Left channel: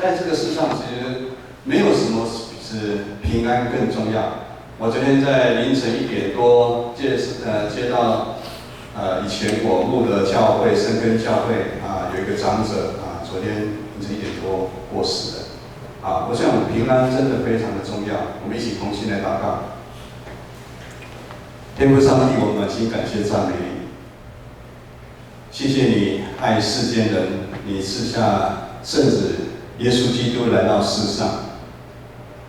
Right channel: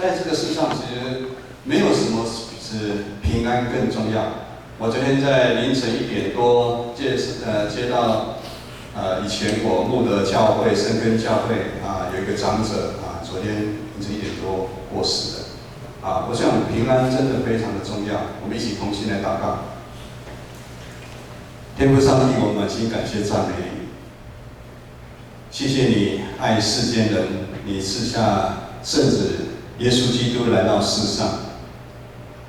在这个世上其实没有什么比平安更重要。我昨天在凌晨1点多接到以前我牧的教会深耕教会有一个长者昨天凌晨1点多过世的我想平安真的非常的重要，我们一起同心来祷告。天父上帝，我们满心感谢赞美你，谢谢你爱世间人，你赐下圣子耶稣基督来到世上。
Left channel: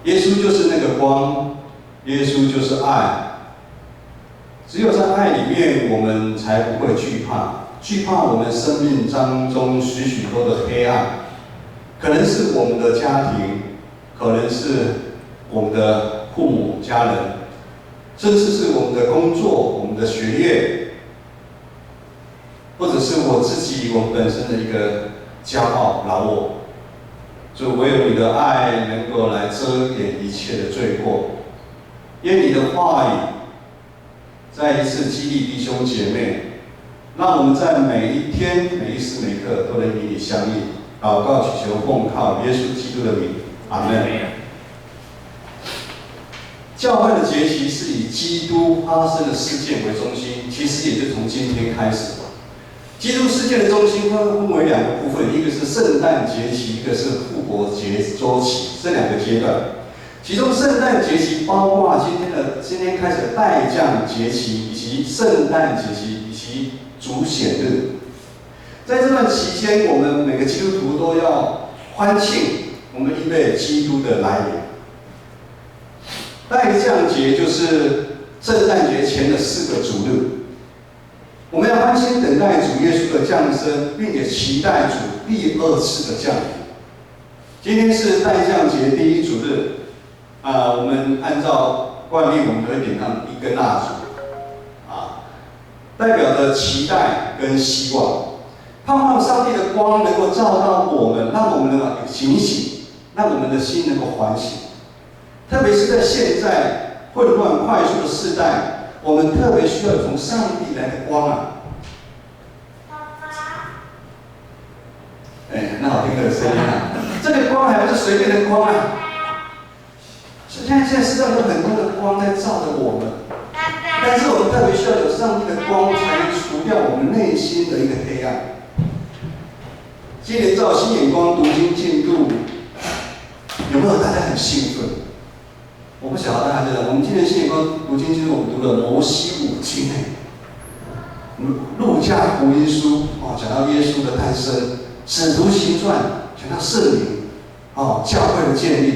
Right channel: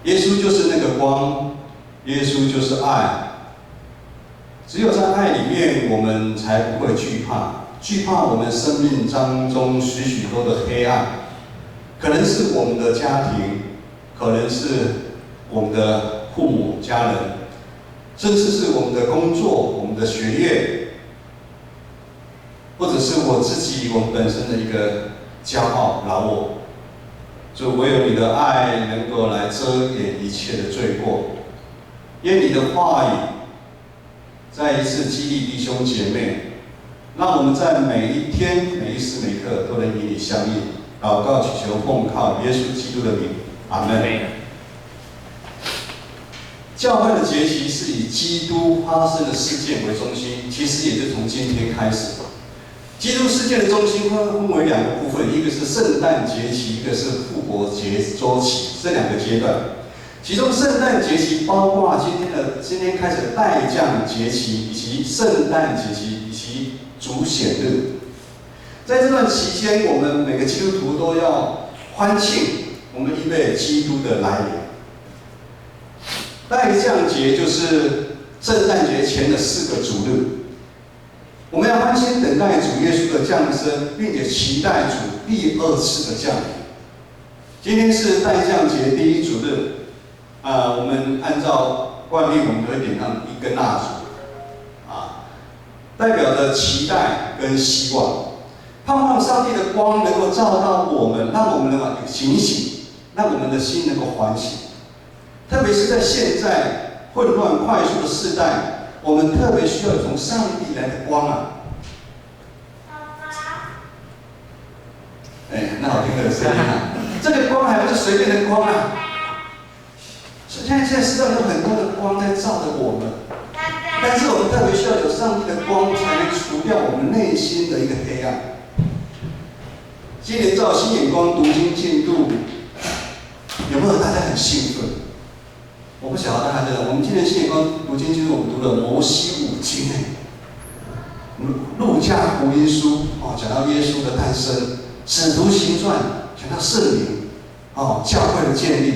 耶稣就是那个光，耶稣就是爱。只有在爱里面，我们才不会惧怕我们生命当中许许多的黑暗，可能是我们的家庭，可能是我们的父母家人，甚至是我们的工作、我们的学业，或者是我自己我们本身的一个骄傲老我。主，唯有你的爱能够来遮掩一切的罪过，因你的话语再一次激励弟兄姐妹，让我们在每一天、每一时每刻都能与你相应。祷告祈求奉靠耶稣基督的名，阿门。教会的节期是以基督发生的事件为中心，其实也是从今天开始。基督事件的中心分为2个部分，一个是圣诞节期，一个是复活节周期，这2个阶段。其中圣诞节期包括今天开始的代降节期，以及圣诞节期，以及主显日。在这段期间，我们每个基督徒都要欢庆，我们预备基督的来临。代降节就是圣诞节前的4个主日，我们要欢欣等待主耶稣的降生，并且期待主第2次的降临。今天是代降节第1主日，我们按照惯例，我们都会点上1根蜡烛，代表着期待跟希望，盼望上帝的光能够照到我们，让我们能够警醒，让我们的心能够唤醒。特别是在现在混乱快速的世代，我们特别需要从上帝来的光那好听的声音这个光还不是随便的光现在世上有很多的光在照着我们，但是我们特别需要有上帝的光，才能除掉我们内心的一个黑暗。今年照新眼光读经进度，有没有大家很兴奋？我不晓得大家知道，我们今年新眼光读经进度，我们读了摩西5经路加福音书讲到耶稣的诞生，使徒行传讲到圣灵教会的建立，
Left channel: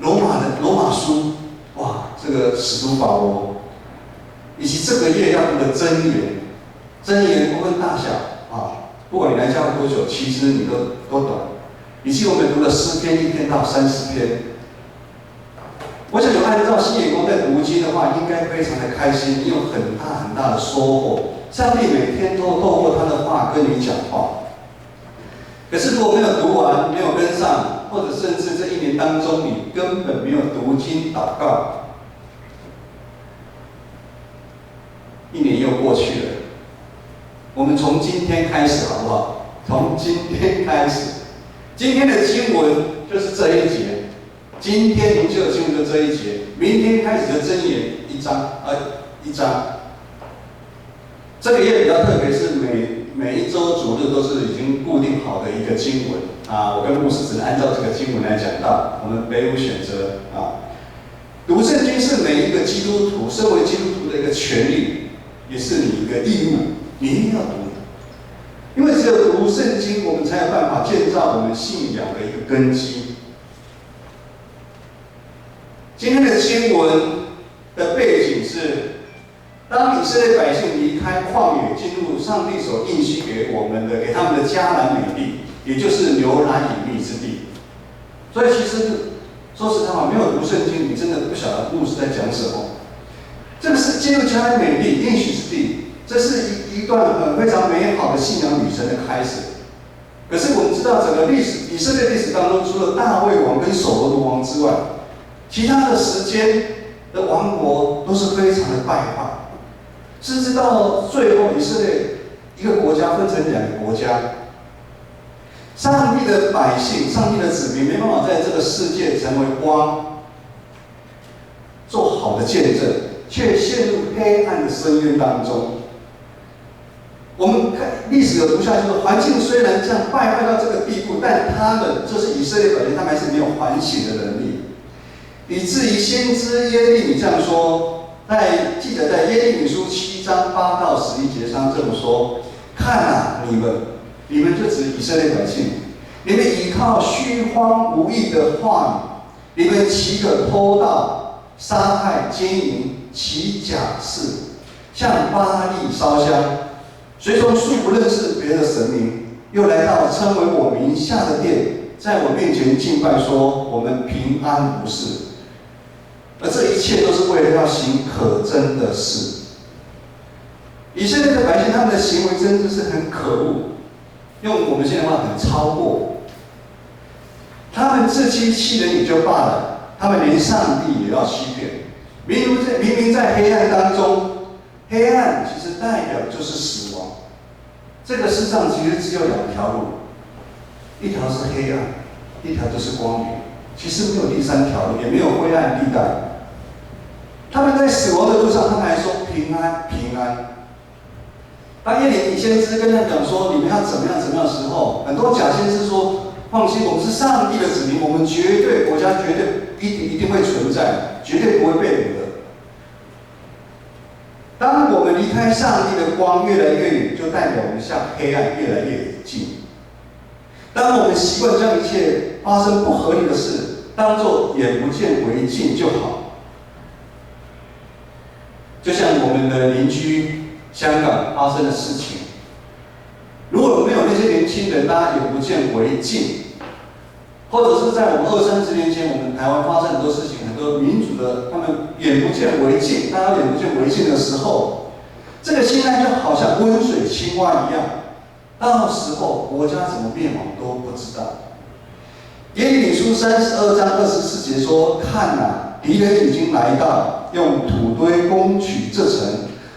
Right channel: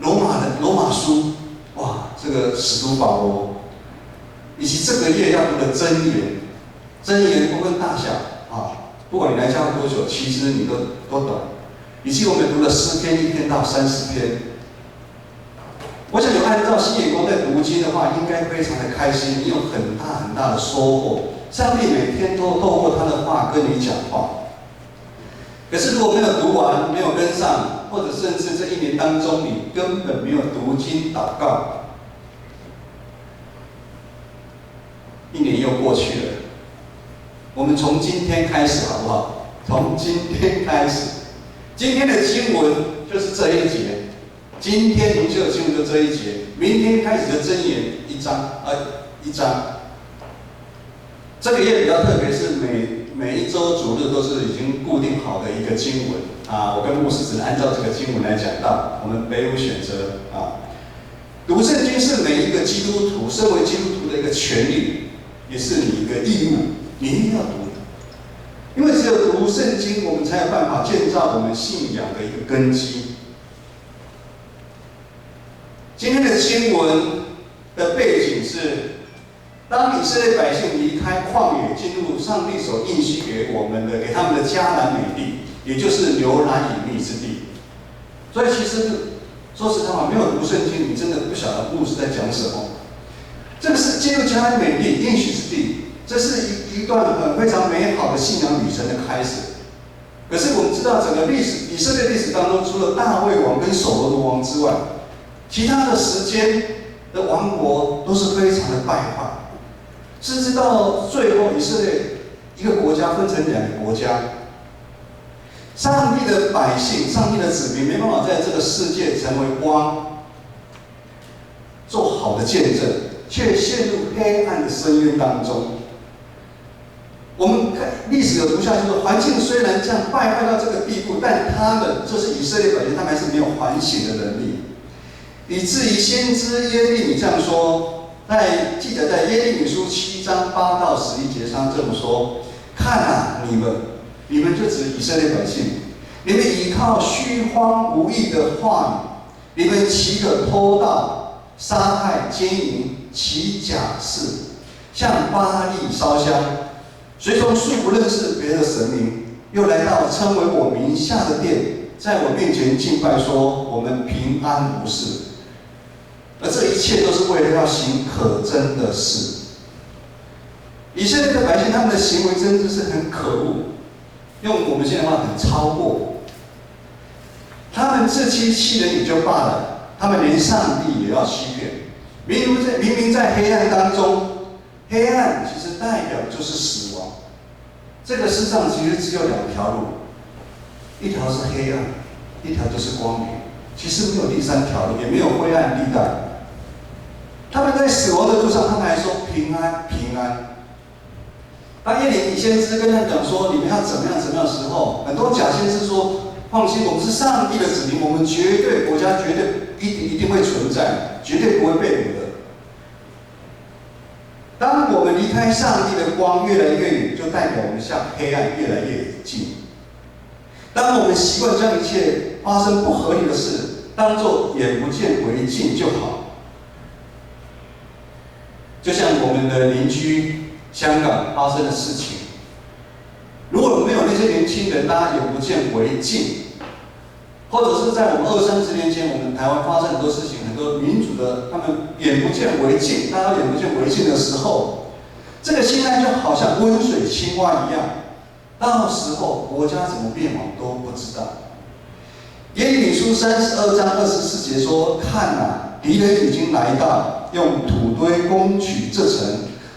罗马书这个使徒保罗，以及这个月要读的箴言不分大小不管你来教会多久，其实你都懂。以及我们读了诗篇1篇到30篇。我想有按照新眼光在读经的话，应该非常的开心，你有很大的收获。上帝每天都透过他的话跟你讲话。可是如果没有读完，没有跟上，或者甚至这1年当中你根本没有读经祷告，1年又过去了。我们从今天开始好不好？从今天开始，今天的经文就是这一节，今天灵修的经文就这一节，明天开始的箴言一章。这个月比较特别，是每一周主日都是已经固定好的一个经文我跟牧师只能按照这个经文来讲道，我们别无选择读圣经是每一个基督徒身为基督徒的一个权利，也是你一个义务，你一定要读。因为只有读圣经，我们才有办法建造我们信仰的一个根基。今天的经文的背景是，当以色列百姓离开旷野，进入上帝所应许给他们的迦南美地，也就是流奶与蜜之地。所以其实说实在话，没有读圣经，你真的不晓得牧师在讲什么。这个是进入迦南美地应许之地，这是一段非常美好的信仰旅程的开始。可是我们知道，整个以色列历史当中，除了大卫王跟所罗门王之外，其他的时间的王国都是非常的败坏，甚至到最后，以色列一个国家分成2个国家。上帝的百姓、上帝的子民没办法在这个世界成为光，做好的见证，却陷入黑暗的深渊当中。我们看历史有读下去说，环境虽然这样败坏到这个地步，但他们就是以色列百姓，他们还是没有反省的能力，以至于先知耶利米这样说，记载在耶利米书7章8到11节上这么说：看啊，你们就指以色列百姓，你们依靠虚荒无益的话语，你们岂可偷盗、杀害、奸淫、起假誓，向巴力烧香？随从素不认识别的神明，又来到称为我名下的殿，在我面前敬拜，说我们平安无事。而这一切都是为了要行可憎的事。以色列的百姓，他们的行为真的是很可恶，用我们现在的话很超过。他们自欺欺人也就罢了，他们连上帝也要欺骗。明明在黑暗当中，黑暗其实代表就是死亡。这个世上其实只有2条路，一条是黑暗，一条就是光明。其实没有第3条路，也没有灰暗地带。他们在死亡的路上，他们还说平安平安。当耶利米先知跟他讲说你们要怎么样怎么样的时候，很多假先知说放心，我们是上帝的子民，我们绝对国家绝对一定会存在，绝对不会被掳的。当我们离开上帝的光越来越远，就代表我们向黑暗越来越近。当我们习惯将一切发生不合理的事当作眼不见为净就好。就像我们的邻居香港发生的事情，如果没有那些年轻人，大家眼不见为净，或者是在我们20-30年前，我们台湾发生很多事情，很多民主的他们眼不见为净，大家眼不见为净的时候，这个现在就好像温水青蛙一样，到时候国家怎么灭亡都不知道。耶利米书32章24节说：看啊，敌人已经来到，用土堆攻取这城，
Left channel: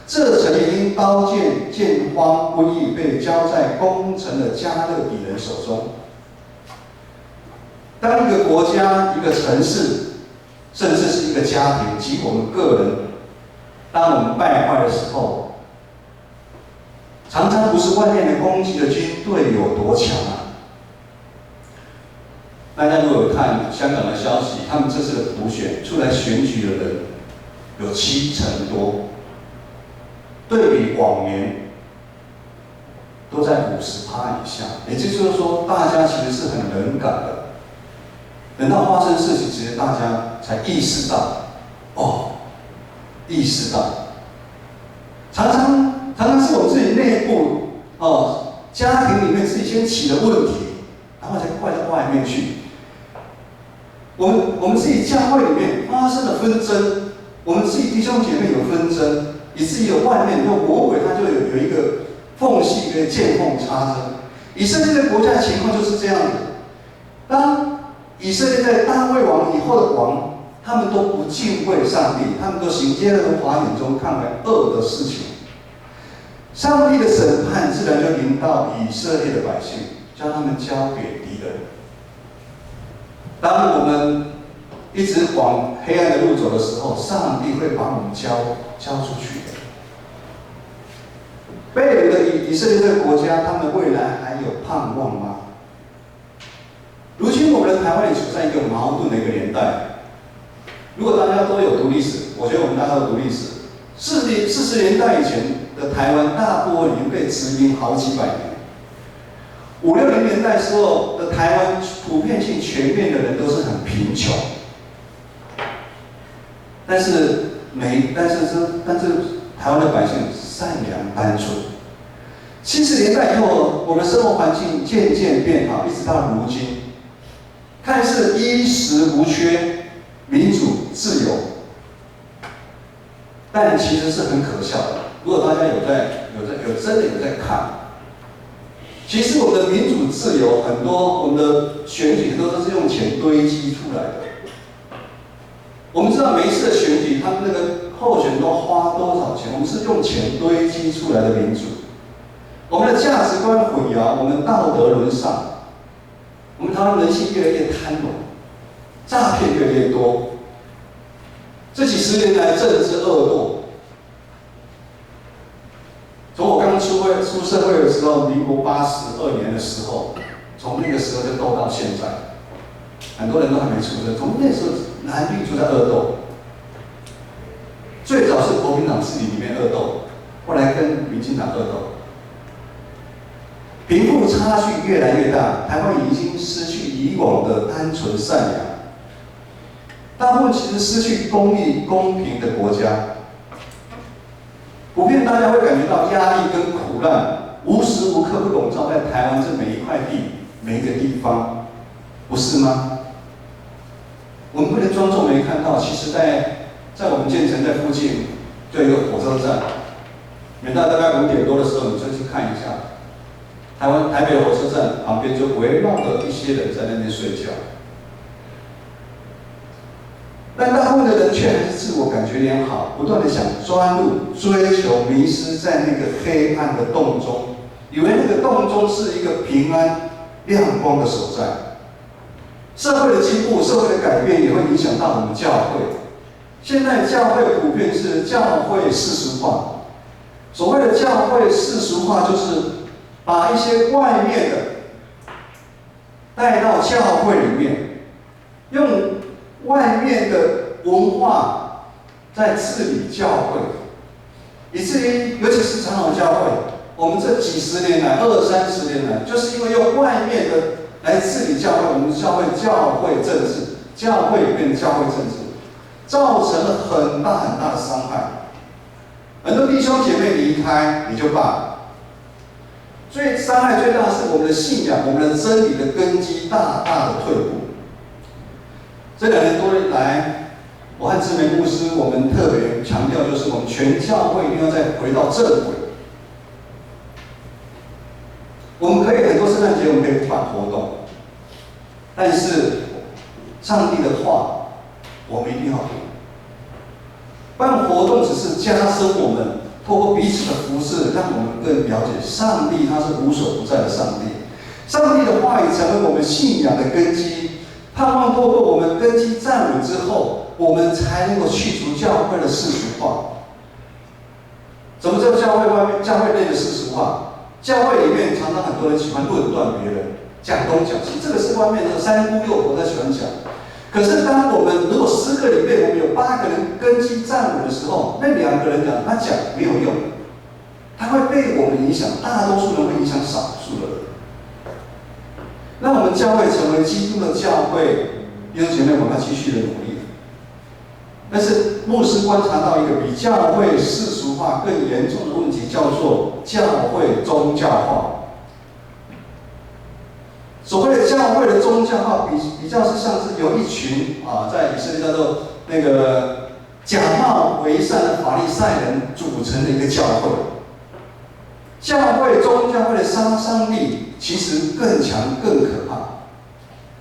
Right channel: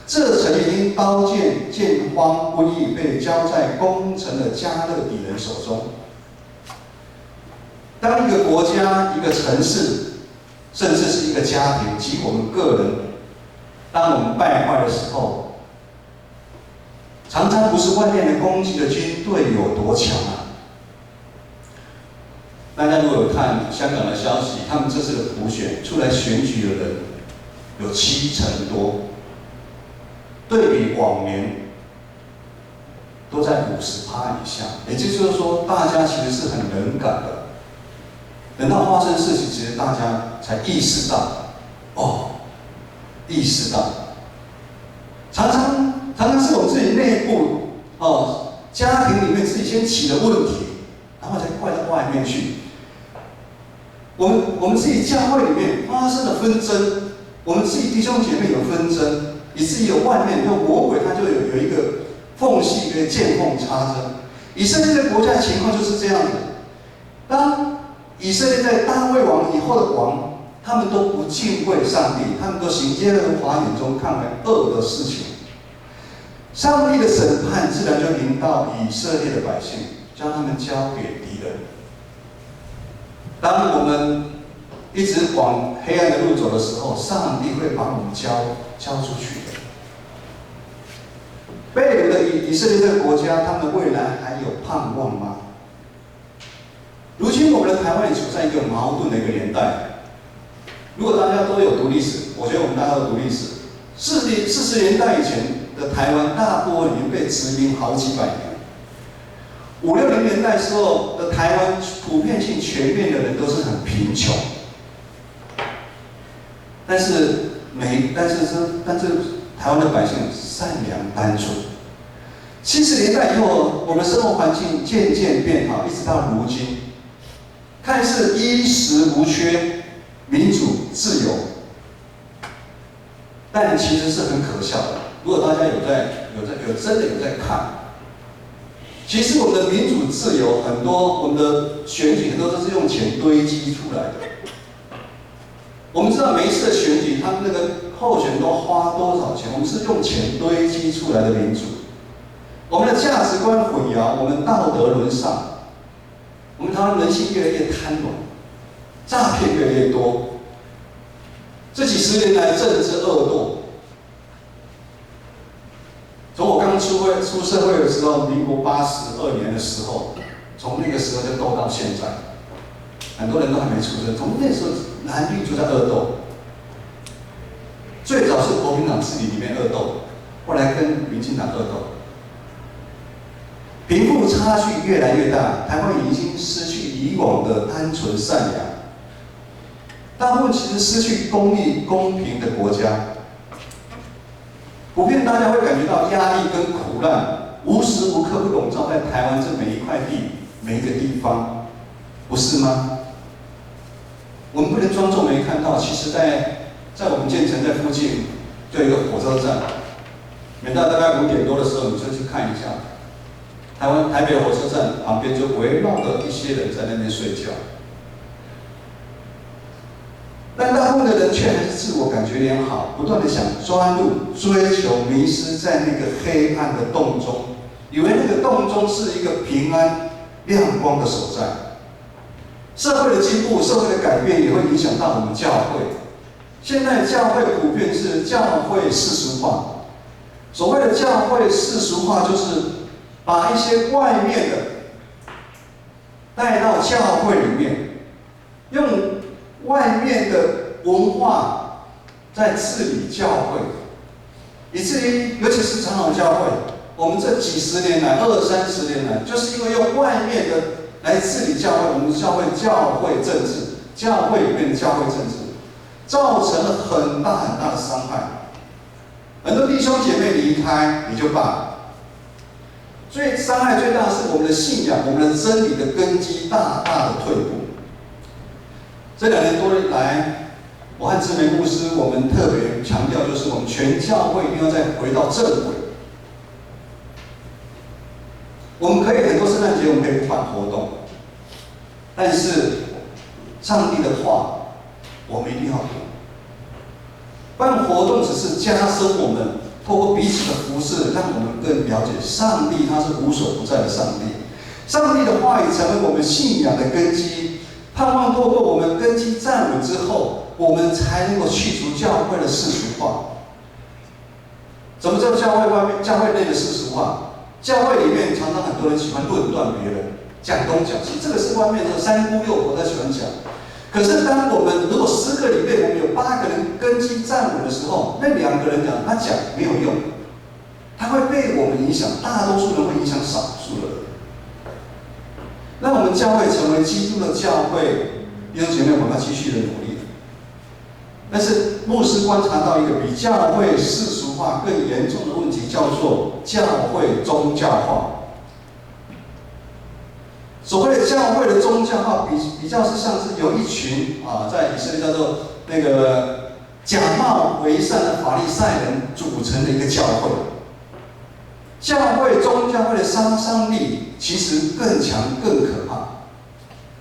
这城已经刀剑见荒瘟疫，被交在攻城的加勒底人手中。当一个国家、一个城市，甚至是一个家庭及我们个人，当我们败坏的时候，常常不是外面的攻击的军队有多强啊。大家如果有看香港的消息，他们这次的普选出来选举的人有70%多，对比往年都在50%以下，也就是说，大家其实是很冷感的。等到发生事情，其实大家才意识到，意识到，常常是我们自己内部家庭里面自己先起了问题，然后才怪到外面去。我们自己教会里面发生了纷争，我们自己弟兄姐妹有纷争，以至于有外面有魔鬼，他就有一个缝隙可以见缝插针。以色列的国家的情况就是这样的。当以色列在大卫王以后的王，他们都不敬畏上帝，他们都行耶和华眼中看为恶的事情。上帝的审判自然就临到以色列的百姓，将他们交给敌人。当我们一直往黑暗的路走的时候，上帝会把我们交出去的。被掳的以色列这个国家，他们未来还有盼望吗？如今我们的台湾也处在一个矛盾的一个年代。如果大家都有读历史，我觉得我们大家都读历史。40年代以前的台湾，大部分已经被殖民好几百年。50-60年代时候的台湾，普遍性全面的人都是很贫穷，但是台湾的百姓善良单纯。70年代以后，我们的生活环境渐渐变好，一直到如今，看似衣食无缺、民主自由，但其实是很可笑的。如果大家真的有在看。其实我们的民主自由很多，我们的选举很多都是用钱堆积出来的。我们知道每一次的选举，他们那个候选人都花多少钱，我们是用钱堆积出来的民主。我们的价值观混淆，我们道德沦丧，我们台湾人性越来越贪婪，诈骗越来越多。这几十年来，政治恶斗。从我刚出社会的时候，民国82年的时候，从那个时候就斗到现在，很多人都还没出生。从那时候，蓝绿就在恶斗。最早是国民党自己里面恶斗，后来跟民进党恶斗。贫富差距越来越大，台湾已经失去以往的单纯善良。大部分其实失去公义、公平的国家，普遍大家会感觉到压力跟苦难，无时无刻不笼罩在台湾这每一块地、每一个地方，不是吗？我们不能装作没看到，其实在我们建成在附近就有一个火车站，每到大概5点多的时候，你就去看一下，台北火车站旁边就围绕着一些人在那边睡觉。但大部分的人却还是自我感觉良好，不断的想钻入、追求、迷失在那个黑暗的洞中，以为那个洞中是一个平安、亮光的所在。社会的进步、社会的改变也会影响到我们教会。现在教会普遍是教会世俗化。所谓的教会世俗化，就是把一些外面的带到教会里面，用外面的文化在治理教会，以至于尤其是长老教会，我们这几十年来、20-30年来，就是因为用外面的来治理教会，我们教会政治，教会里面的教会政治，造成了很大很大的伤害。很多弟兄姐妹离开也就罢了，伤害最大的是我们的信仰、我们的真理的根基大大的退步。这2年多来，我和志梅牧师，我们特别强调，就是我们全教会一定要再回到正轨。我们可以很多圣诞节，我们可以不办活动，但是上帝的话，我们一定要读。办活动只是加深我们透过彼此的服事，让我们更了解上帝，他是无所不在的上帝。上帝的话语成为我们信仰的根基。盼望透过我们根基站稳之后，我们才能够去除教会的世俗化。什么叫教会内的世俗化？教会里面常常很多人喜欢论断别人，讲东讲西，这个是外面的三姑六婆在喜欢讲。可是当我们如果10个里面我们有8个人根基站稳的时候，那2个人讲他讲没有用，他会被我们影响，大多数人会影响少数的人。让我们教会成为基督的教会，弟兄姐妹，我们要继续的努力。但是牧师观察到一个比教会世俗化更严重的问题，叫做教会宗教化。所谓的教会的宗教化，比较是像是有一群在以色列叫做那个假冒为善的法利赛人组成的一个教会。教会宗教会的杀伤力其实更强、更可怕，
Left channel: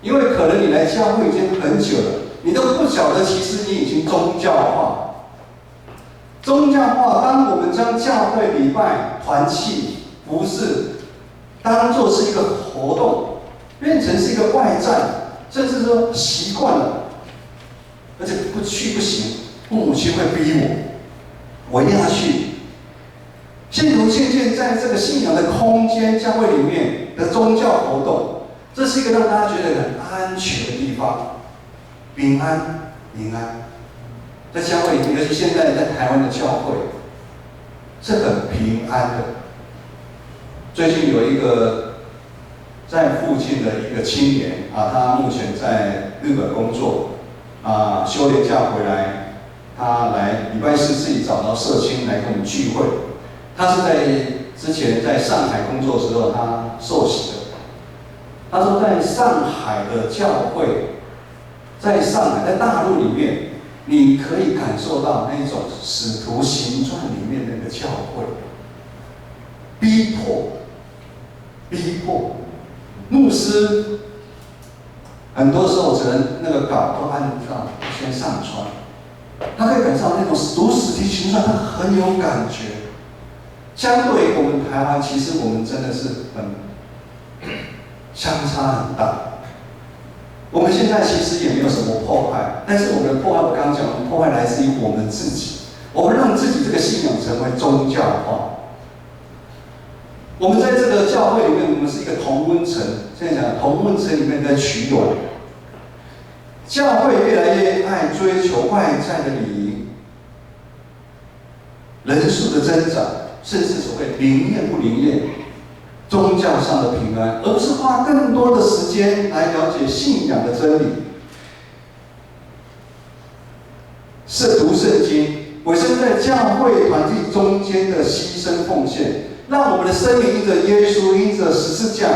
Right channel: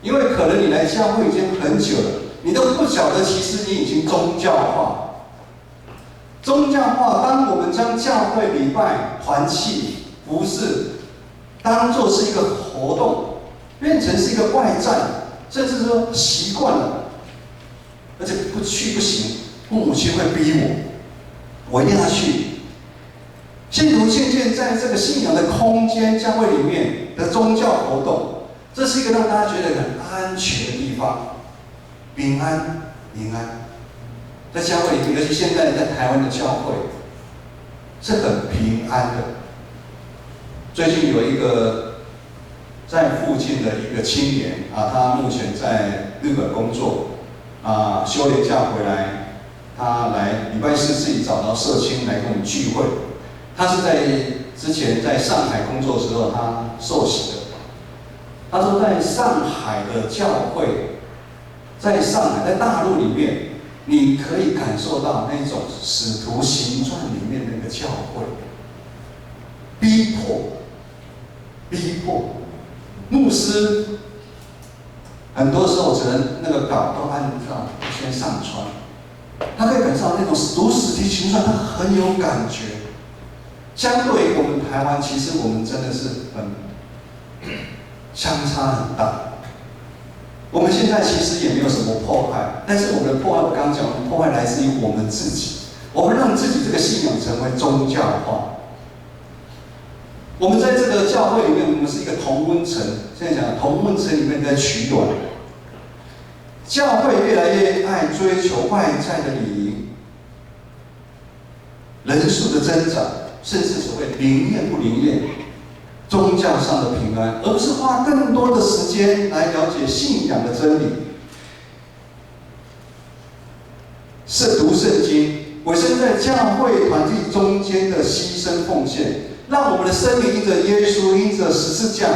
因为可能你来教会已经很久了，你都不晓得，其实你已经宗教化。宗教化，当我们将教会礼拜、团契、服事当作是一个活动，变成是一个外在，甚至说习惯了，而且不去不行，父母亲会逼我一定要去。信徒渐渐在这个信仰的空间、教会里面的宗教活动，这是一个让大家觉得很安全的地方，平安、平安。在教会里面，尤其现在在台湾的教会，是很平安的。最近有一个在附近的一个青年他目前在日本工作休年假回来，他来礼拜4自己找到社青来跟我们聚会。他是在之前在上海工作的时候，他受洗的。他说，在上海的教会，在上海，在大陆里面，你可以感受到那种《使徒行传》里面的那个教会，逼迫牧师，很多时候只能那个稿都按照先上传，他可以感受到那种读《使徒行传》，他很有感觉。相对于我们台湾，其实我们真的是相差很大。我们现在其实也没有什么破坏，但是我们的破坏，我刚刚讲，我们破坏来自于我们自己，我们让自己这个信仰成为宗教化。我们在这个教会里面，我们是一个同温层，现在讲同温层里面在取暖。教会越来越爱追求外在的礼仪，人数的增长，甚至所谓灵验不灵验，宗教上的平安，而不是花更多的时间来了解信仰的真理。是读圣经，委身在教会团体中间的牺牲奉献，让我们的生命因着耶稣，因着十字架，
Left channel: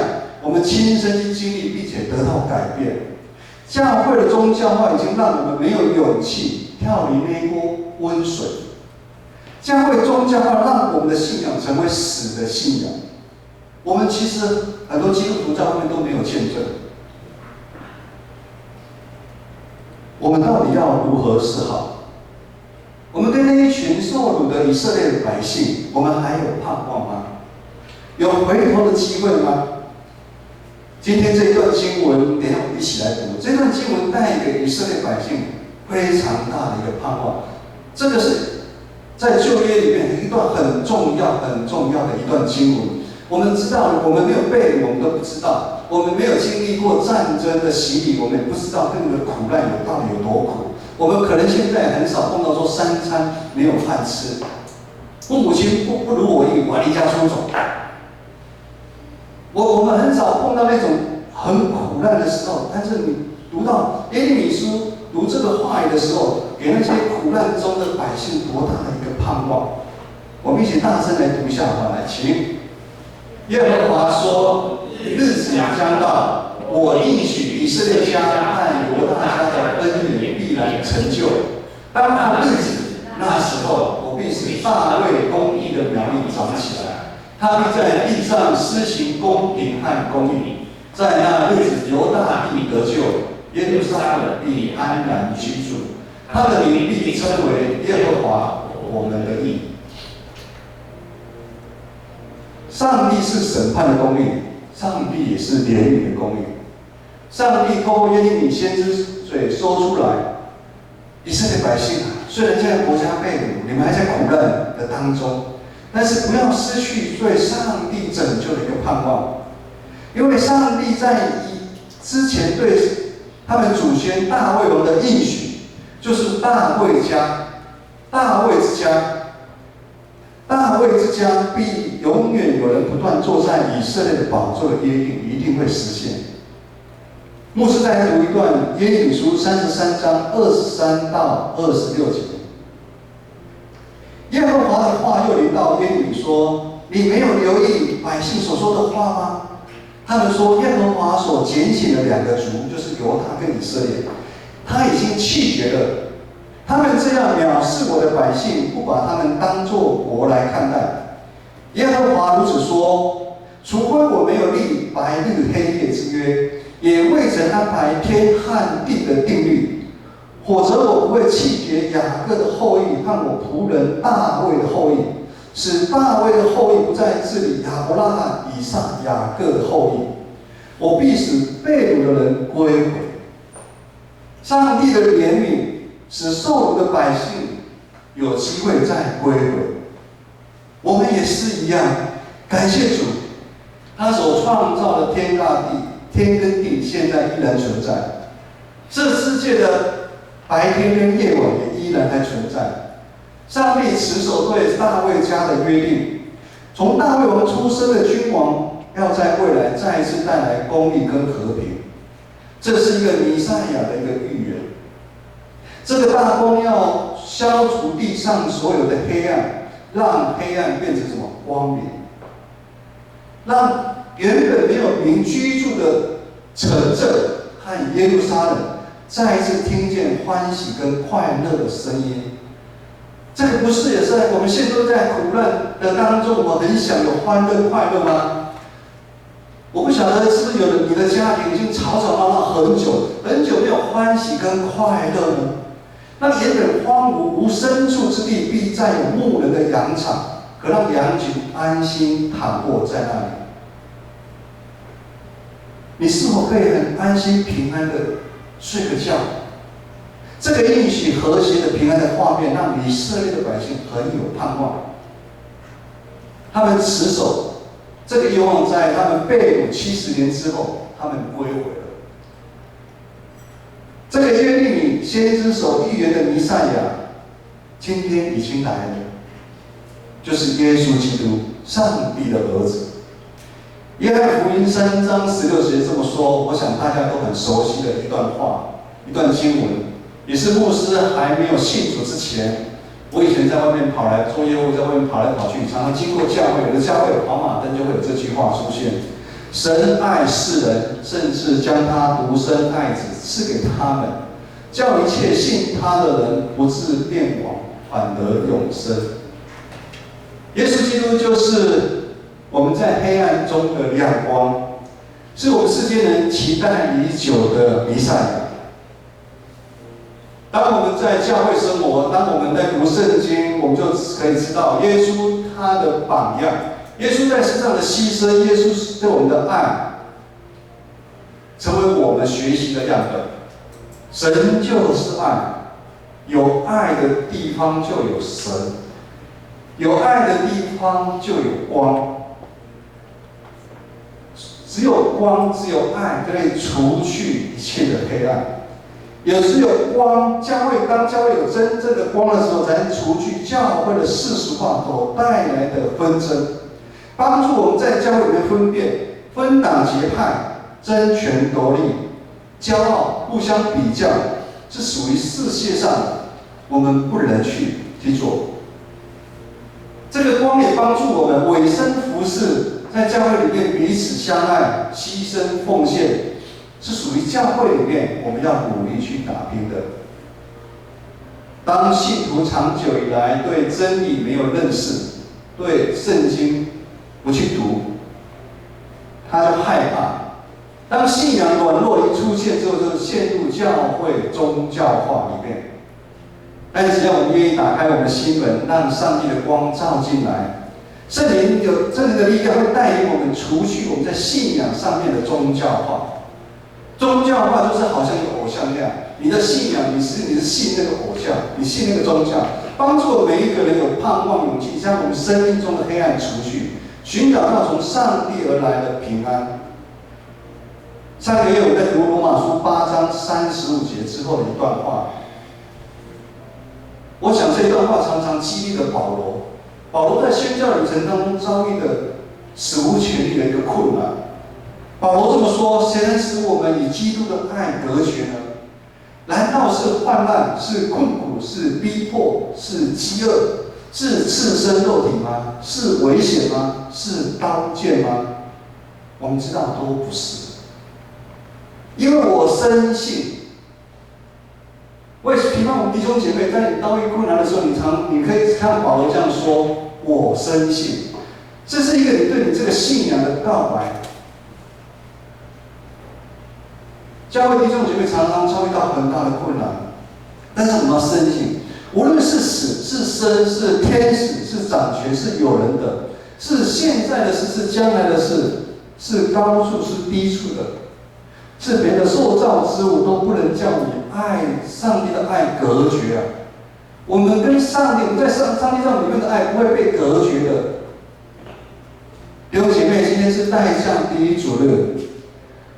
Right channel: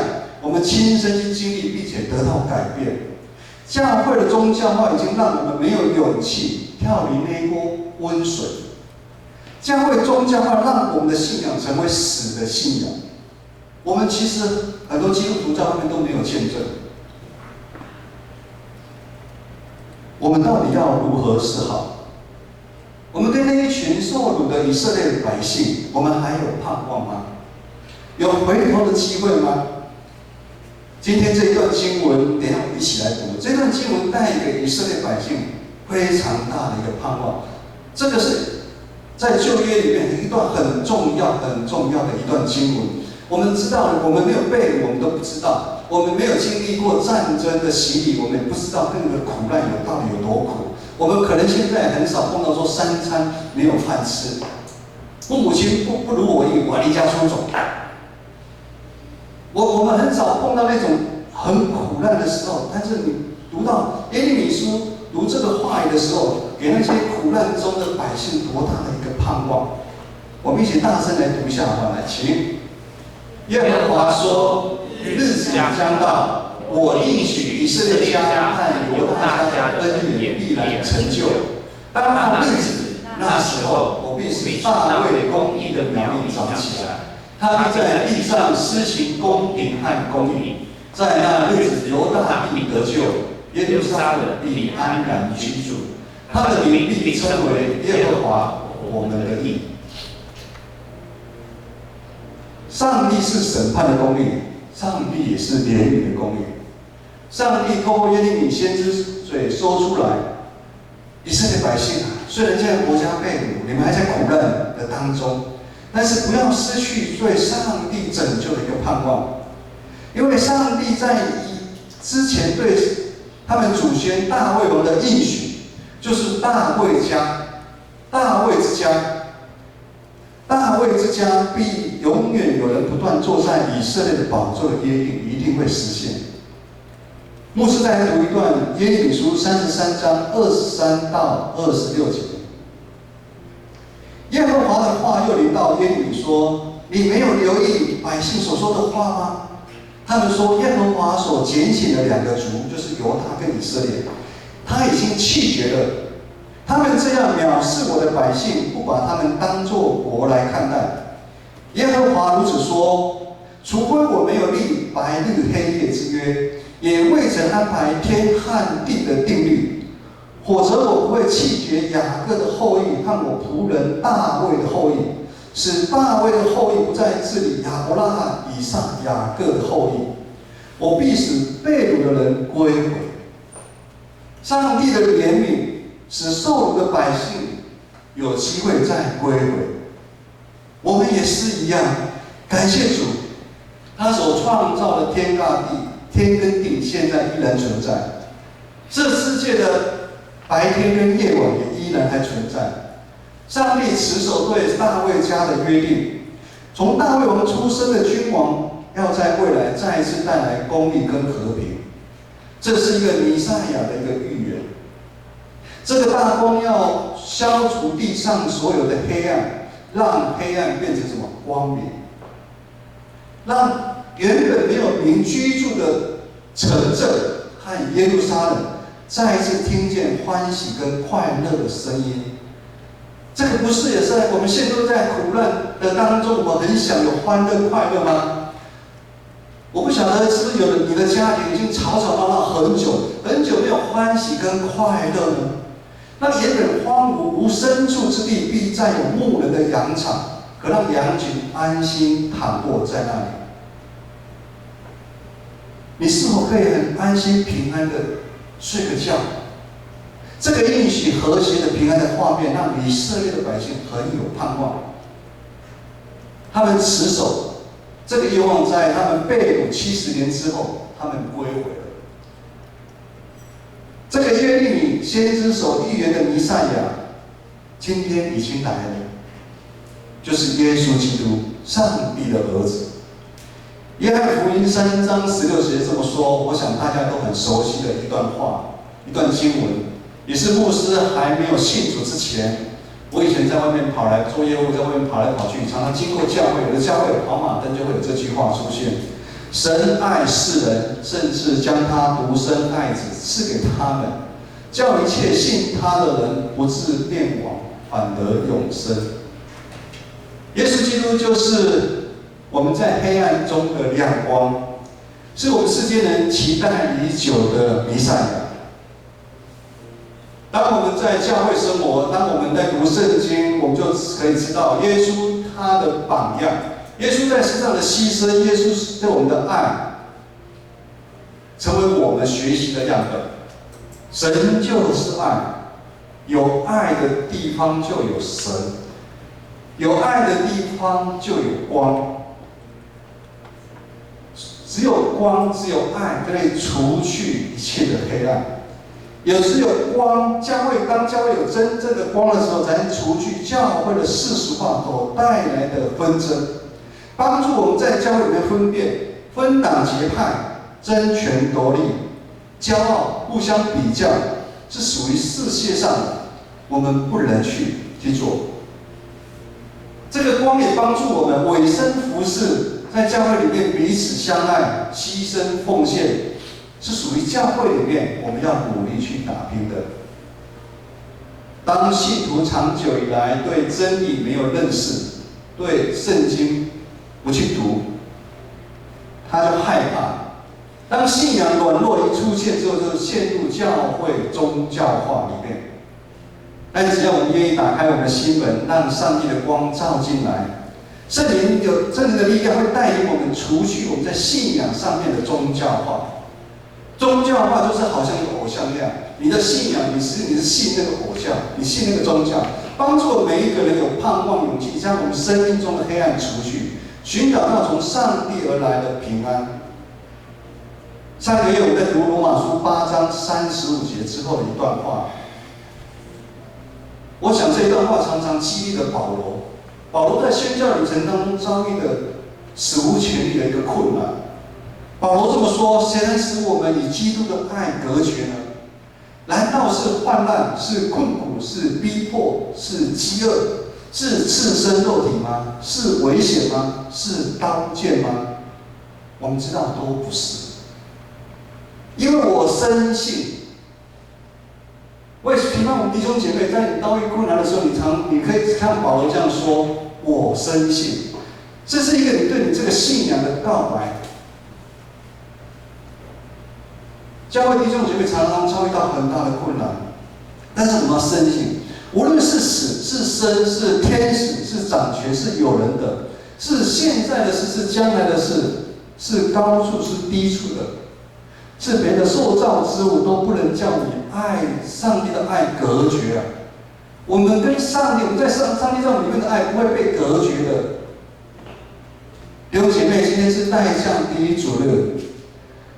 我们亲身去经历，并且得到改变。教会的宗教化已经让我们没有勇气跳离那一锅温水。教会宗教化让我们的信仰成为死的信仰。我们其实很多基督徒在外面都没有见证。我们到底要如何是好？我们对那一群受辱的以色列百姓，我们还有盼望吗？有回头的机会吗？今天这一段经文，等一下我们一起来读。这段经文带给以色列百姓非常大的一个盼望。这个是在旧约里面一段很重要的一段经文。我们知道，我们没有背，我们都不知道。我们没有经历过战争的洗礼，我们也不知道那个苦难到底有多苦。我们可能现在很少碰到说3餐没有饭吃，父母亲不如我意，我离家出走。我们很少碰到那种很苦难的时候，但是你读到耶利米书读这个话语的时候，给那些苦难中的百姓多大的一个盼望！我们一起大声来读一下好吗？来，请。耶和华说：“日子将到，我应许以色列家和犹大家的恩典必然成就。当那日子，那时候，我必使大卫公义的苗栗长起来。他必在地上施行公平和公义，在那日子，犹大必得救，耶路撒冷必安然居住。他的名必称为耶和华我们的义。”上帝是审判的公义，上帝也是怜悯的公义。上帝透过耶利米先知嘴说出来：以色列百姓啊，虽然现在国家被掳，你们还在苦难的当中。但是不要失去对上帝拯救的一个盼望，因为上帝在之前对他们祖先大卫王的应许，就是大卫之家必永远有人不断坐在以色列的宝座的约定一定会实现。牧师再来读一段耶利米书33章23到26节。耶和华的话又临到耶利米说：“你没有留意百姓所说的话吗？他们说耶和华所拣选的2个族，就是犹大跟以色列，他已经弃绝了。他们这样藐视我的百姓，不把他们当作国来看待。耶和华如此说：除非我没有立白日黑夜之约，也未曾安排天和地的定律，否则我不会弃绝雅各的后裔和我仆人大卫的后裔，使大卫的后裔不再治理亚伯拉罕、以撒、雅各的后裔。我必使被掳的人归回。”上帝的怜悯使受掳的百姓有机会再归回。我们也是一样，感谢主，他所创造的天跟地现在依然存在，这世界的白天跟夜晚也依然还存在。上帝持守对大卫家的约定，从大卫王出生的君王，要在未来再一次带来公义跟和平。这是一个弥赛亚的一个预言。这个大功要消除地上所有的黑暗，让黑暗变成什么？光明。让原本没有民居住的城镇和耶路撒冷再一次听见欢喜跟快乐的声音。这个不是也是我们现在都在苦难的当中，我们很想有欢乐快乐吗？我不晓得是不是有你的家庭已经吵吵闹闹很久没有欢喜跟快乐呢？那原本荒芜无牲畜之地，必再有牧人的羊场，可让羊群安心躺卧在那里。你是否可以很安心平安的睡个觉。这个应许和谐的平安的画面，让以色列的百姓很有盼望。他们持守这个愿望，在他们被掳70年之后，他们归回了。这个耶利米先知所预言的弥赛亚，今天已经来了，就是耶稣基督，上帝的儿子。约翰福音3章16节这么说，我想大家都很熟悉的一段话，一段经文，也是牧师还没有信主之前，我以前在外面跑来做业务，在外面跑来跑去，常常经过教会，有的教会有跑马灯就会有这句话出现：神爱世人，甚至将他独生爱子赐给他们，叫一切信他的人不至灭亡，反得永生。耶稣基督就是我们在黑暗中的亮光，是我们世间人期待已久的弥赛亚。当我们在教会生活，当我们在读圣经，我们就可以知道耶稣他的榜样，耶稣在世上的牺牲，耶稣对我们的爱，成为我们学习的样本。神就是爱，有爱的地方就有神，有爱的地方就有光。只有光，只有爱，可以除去一切的黑暗。也只有光，当教会有真正的光的时候，才能除去教会的世俗化所带来的纷争，帮助我们在教会里面分辨分党结派、争权夺利、骄傲、互相比较，是属于世界上我们不能去做。这个光也帮助我们委身服侍，在教会里面彼此相爱、牺牲奉献。是属于教会里面我们要努力去打拼的。当信徒长久以来对真理没有认识，对圣经不去读，他就害怕。当信仰软弱一出现之后，就陷入教会宗教化里面。但只要我们愿意打开我们的心门，让上帝的光照进来，圣灵的力量会带领我们除去我们在信仰上面的宗教化。宗教化就是好像一个偶像一样，你的信仰，你是信那个偶像，你信那个宗教，帮助每一个人有盼望、勇气，将我们生命中的黑暗除去，寻找到从上帝而来的平安。上个月我们在读罗马书8章35节之后的一段话，我想这一段话常常激励了保罗。保罗在宣教旅程当中遭遇的史无前例的一个困难。保罗这么说：谁能使我们与基督的爱隔绝呢？难道是患难、是困苦、是逼迫、是饥饿、是赤身肉体吗？是危险吗？是刀剑吗？我们知道都不是，因为我深信。我也期望我们弟兄姐妹，在你遭遇困难的时候，你可以看保罗这样说：我深信。这是一个你对你这个信仰的告白。教会弟兄姐妹常常遭遇到很大的困难，但是我们要深信，无论是死是生，是天使是掌权是有人的，是现在的事是将来的事，是高处是低处的，是别的受造之物都不能叫你爱上帝的爱隔绝啊！我们跟上帝，我们在上帝上里面的爱不会被隔绝的。弟兄姐妹，今天是代向第一主日。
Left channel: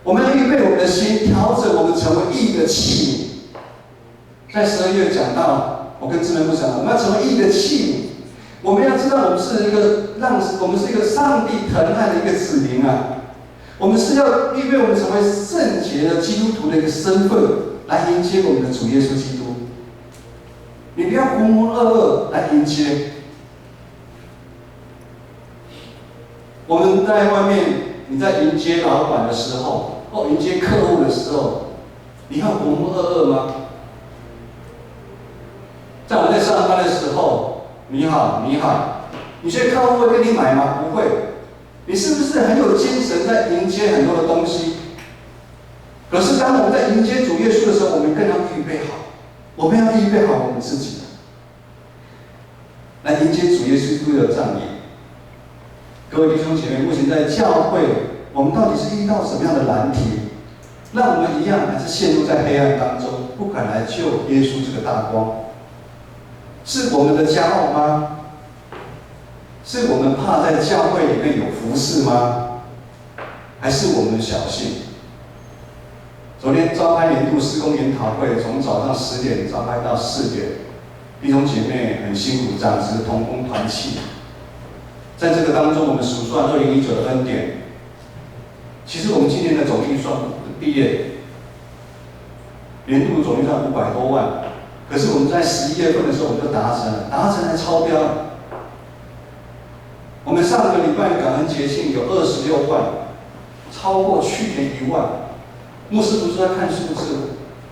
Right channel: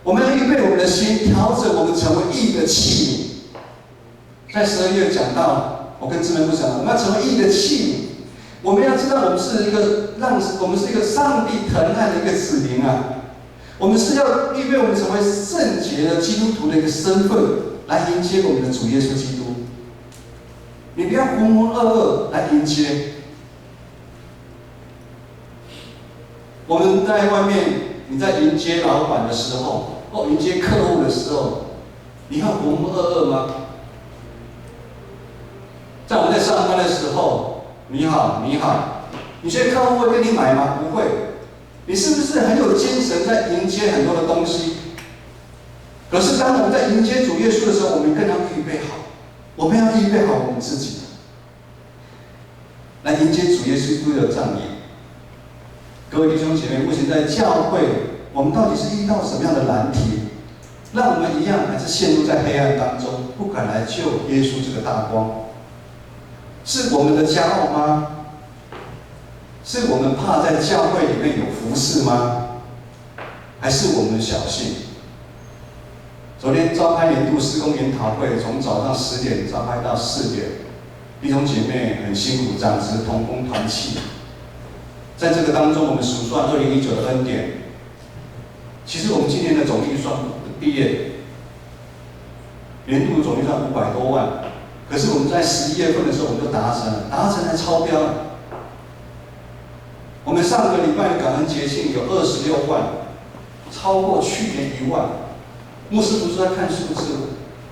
我们要预备我们的心，调整我们成为义的器皿。在12月讲到，我跟志门部长，我们要成为义的器皿。我们要知道，我们是一个上帝疼爱的一个子民啊。我们是要预备我们成为圣洁的基督徒的一个身份，来迎接我们的主耶稣基督。你不要浑浑噩噩来迎接。我们在外面，你在迎接老板的时候。迎接客户的时候，你要浑浑噩噩吗？在我们在上班的时候，你好，你好，你觉得客户会跟你买吗？不会。你是不是很有精神在迎接很多的东西？可是当我们在迎接主耶稣的时候，我们更要预备好，我们要预备好我们自己，来迎接主耶稣基督的降临。各位弟兄姐妹，目前在教会。我们到底是遇到什么样的难题？让我们一样还是陷入在黑暗当中，不敢来救耶稣这个大光？是我们的骄傲吗？是我们怕在教会里面有服侍吗？还是我们小信？昨天召开年度施工研讨会，从早上10点召开到4点，弟兄姐妹很辛苦，长子同工团契。在这个当中，我们数算2019的恩典。其实我们今年的总预算毕业年度总预算500多万，可是我们在11月份的时候我们就达成了超标了。我们上个礼拜的感恩节庆有26万，超过去年1万。牧师不是在看数字，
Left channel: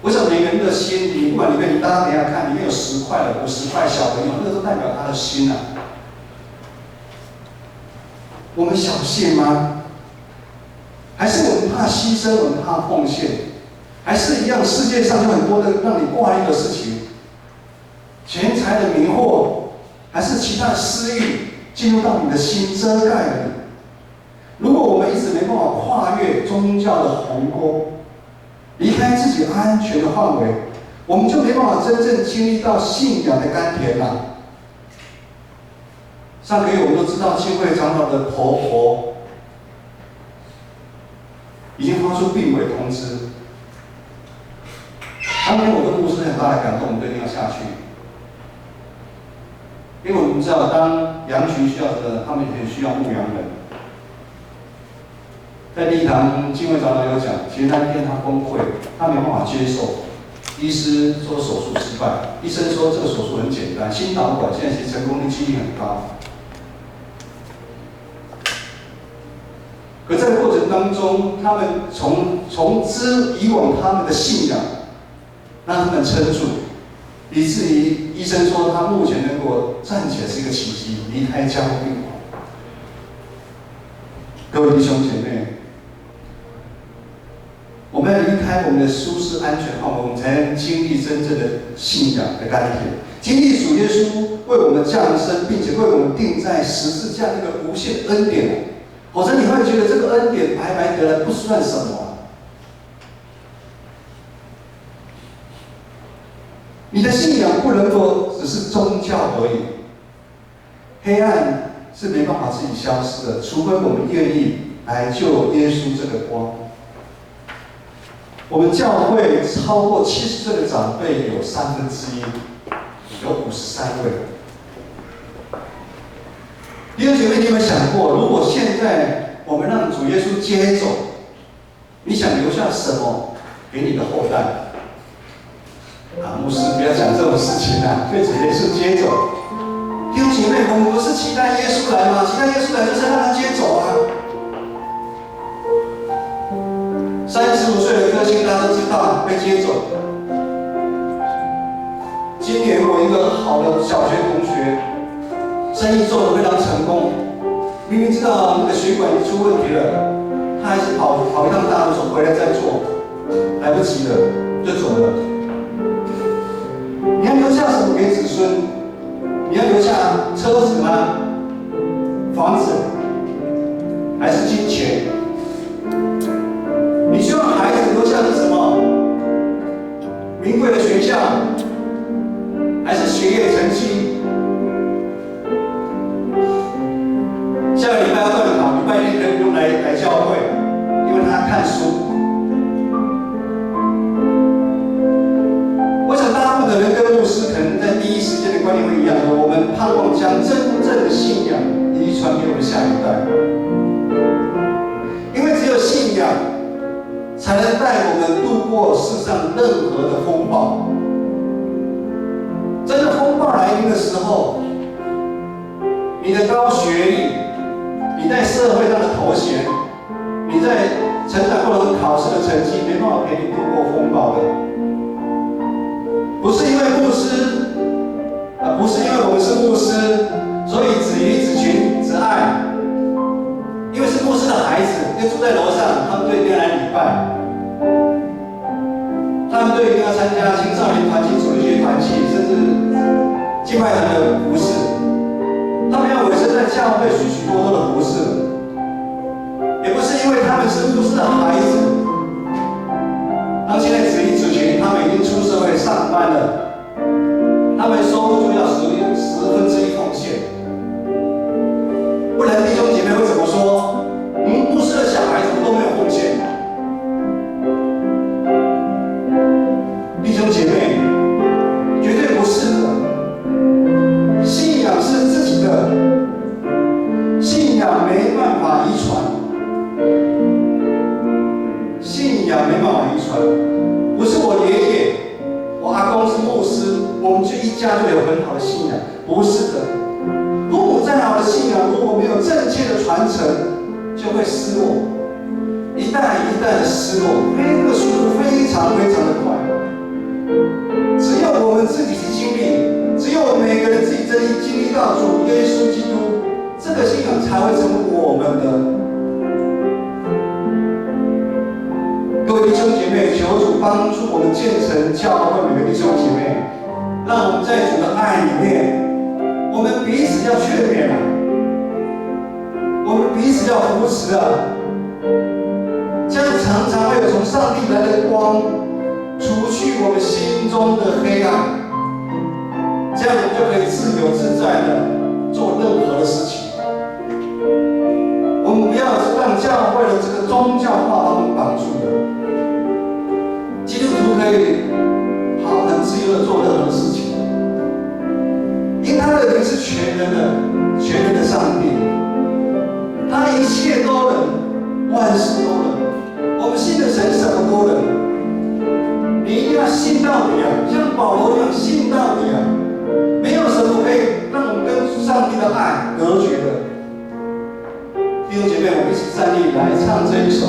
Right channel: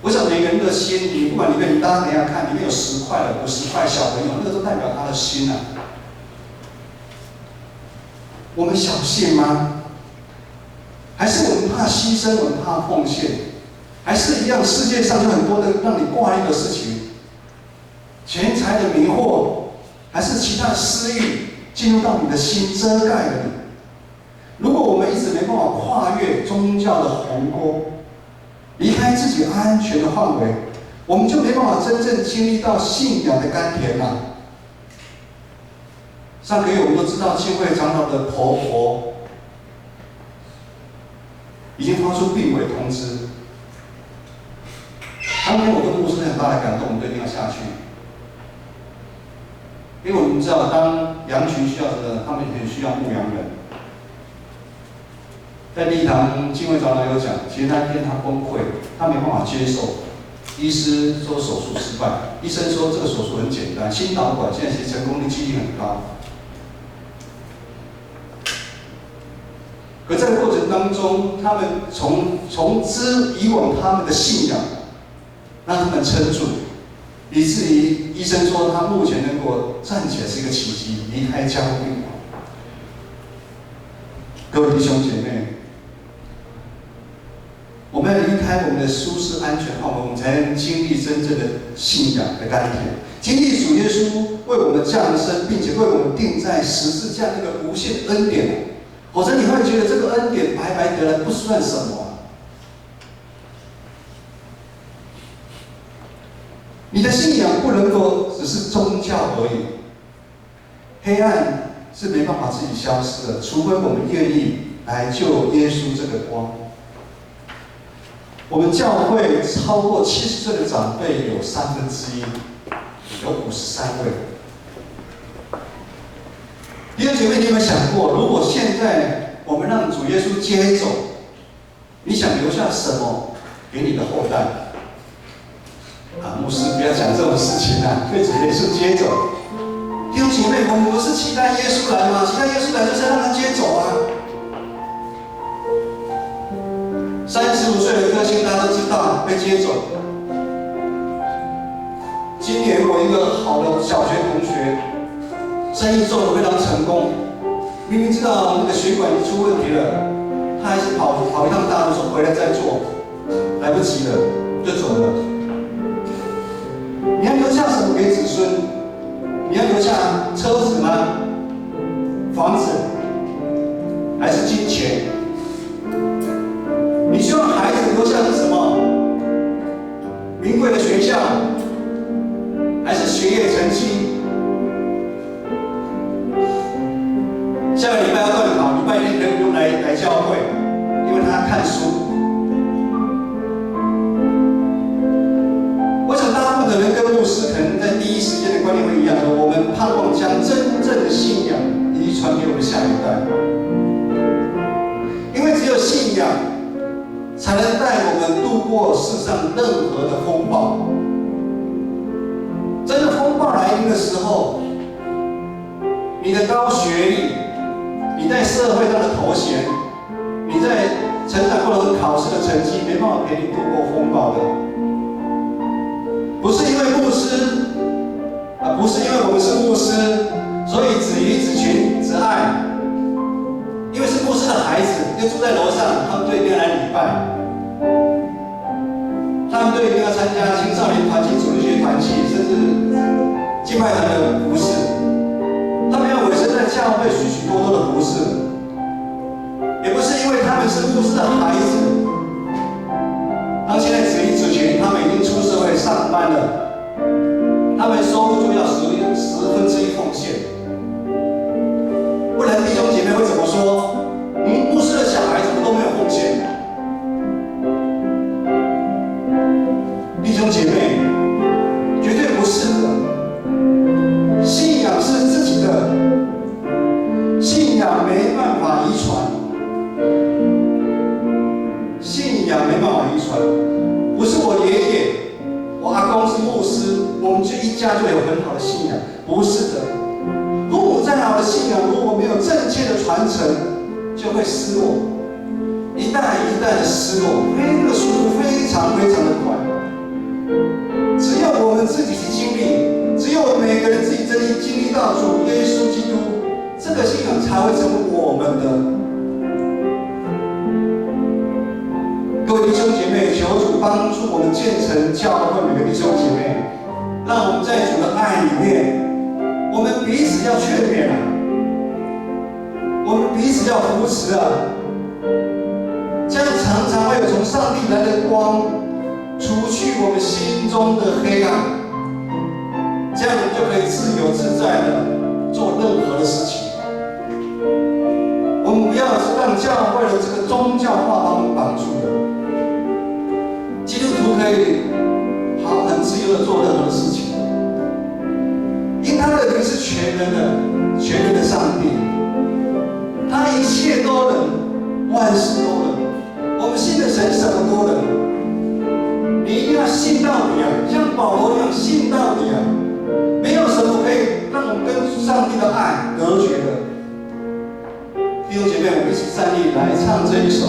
我想每个人的心，你不管里面，大家等一下看，里面有10块的、50块小朋友，那个都代表他的心啊。我们小信吗？还是我们怕牺牲，我们怕奉献？还是一样，世界上有很多的让你挂虑的事情，钱财的迷惑，还是其他的私欲进入到你的心，遮盖了你。如果我们一直没办法跨越宗教的鸿沟，离开自己安全的范围，我们就没办法真正经历到信仰的甘甜了。上个月我们都知道，浸会长老的婆婆已经发出病危通知。当天我跟牧师很大的感动，我们都一定要下去，因为我们知道，当羊群需要的，他们也很需要牧羊人。在第一堂浸会长老有讲，其实那天他崩溃，他没办法接受。医师说手术失败，医生说这个手术很简单，心导管现在其实成功的几率很高。可在过程当中，他们从之以往他们的信仰，让他们撑住，以至于医生说他目前能够站起来是一个奇迹，离开加护病房。各位弟兄姐妹，我们要离开我们的舒适安全范围，我们才能经历真正的信仰的甘甜，经历主耶稣为我们降生，并且为我们钉在十字架那个无限恩典。否则你会觉得这个恩典白白得来不算什么啊。你的信仰不能够只是宗教而已，黑暗是没办法自己消失的，除非我们愿意来救耶稣这个光。我们教会超过70岁的长辈有1/3，有53位。弟兄姐妹，你有没有想过，如果现在我们让主耶稣接走，你想留下什么给你的后代？牧师不要讲这种事情啊，被主耶稣接走。弟兄姐妹，我们不是期待耶稣来吗？期待耶稣来就是让他接走啊。35岁的歌星大家都知道被接走。今年我一个好的小学同学，生意做得非常成功，明明知道那个血管出问题了，他还是跑一趟大路说回来再做，来不及了就走了。你要留下什么给子孙？你要留下车子吗？房子？还是金钱？你希望孩子留下是什么？名贵的学校？还是学业成绩？下个礼拜要断考，礼拜天可以不用来教会，因为他看书。我想大部分的人跟牧师可能在第一时间的观念会一样，说我们盼望将真正的信仰遗传给我们下一代，因为只有信仰才能带我们度过世上任何的风暴。真的风暴来临的时候，你的高学历，你在社会上的头衔，你在成长过程考试的成绩，没办法陪你度过风暴的。不是因为牧师，不是因为我们是牧师，所以只鱼只群只爱。因为是牧师的孩子，又住在楼上，他们就一定要来礼拜，他们就一定要参加青少年团契、主日学团契，甚至敬拜团的服事。他们要委身在教会许许多多的服事，也不是因为他们是牧师的孩子，他们现在子女子群，他们已经出社会上班了，他们收入就要1/10奉献，不然弟兄姐妹会怎么说？牧师的小孩怎么都没有奉献？弟兄姐妹，绝对不是的。信仰是自己的，信仰没办法遗传，信仰没办法遗传。不是我爷爷、我阿公是牧师，我们这一家就有很好的信仰，不是的。父母再好的信仰，如果没有正确的传承，就会失落，一代一代的失落，那个速度非常非常的快。只有我们自己去经历，只有我们每个人自己真的经历到主耶稣基督，这个信仰才会成为我们的。各位弟兄姐妹，求主帮助我们建成教会每个弟兄姐妹，让我们在主的爱里面，我们彼此要劝勉啊，我们彼此要扶持啊，这样常常会有从上帝来的光，除去我们心中的黑暗，这样我们就可以自由自在的做任何的事情。我们不要让教会的这个宗教化把我们绑住了。基督徒可以很自由的做任何的事情，因他的灵是全人的上帝，他一切都能，万事都能。我们信的神什么都能，你一定要信到底啊，像保罗一样信到底啊，没有什么可以让我们跟上帝的爱隔绝的。弟兄姐妹，我们一起站立来唱这一首。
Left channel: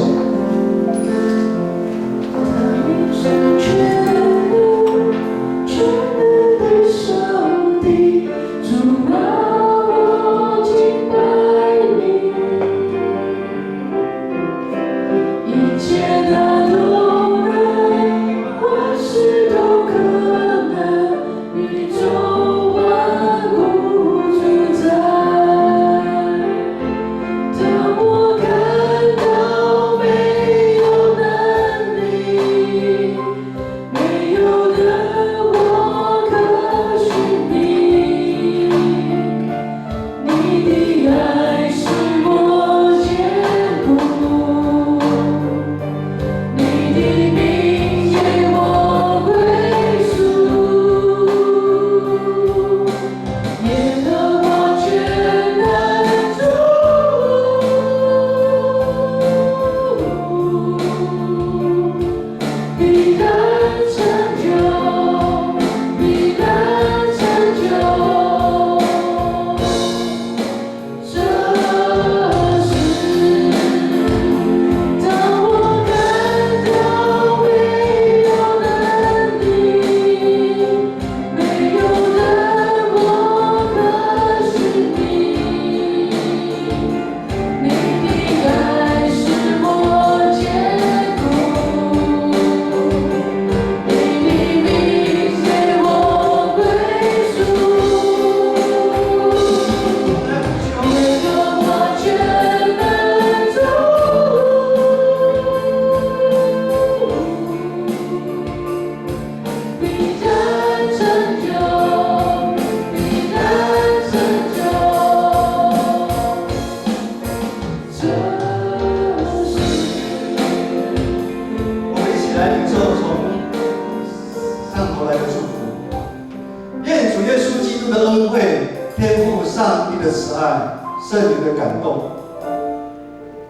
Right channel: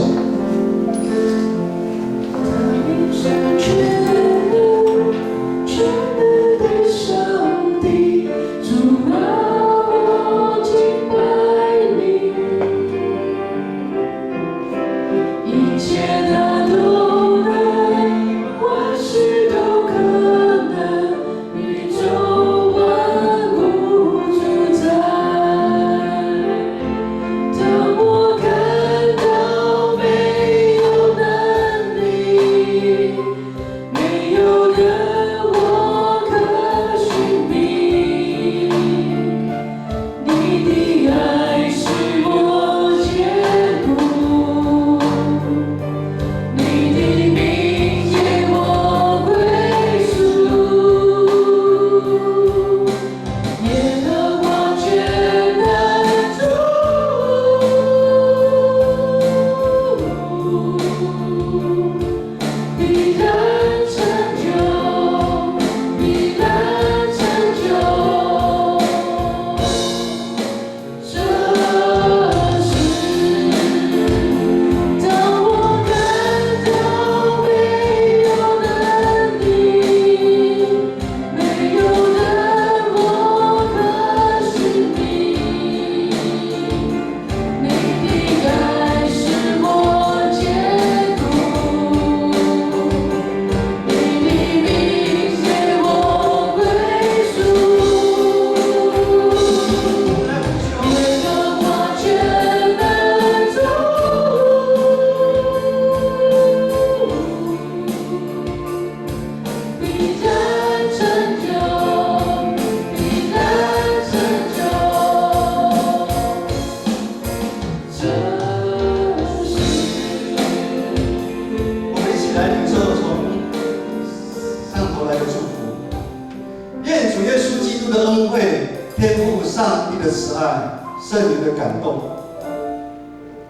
圣灵的感动，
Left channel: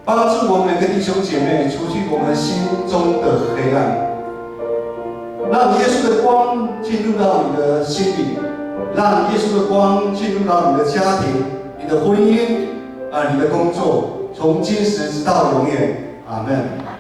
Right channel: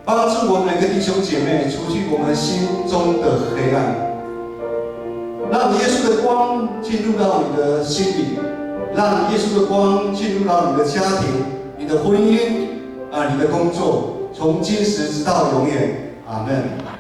帮助我们每个弟兄姐妹除去我们心中的黑暗，让耶稣的光进入到你的心里，让耶稣的光进入到你的家庭、你的婚姻你的工作，从今时直到永远。阿们。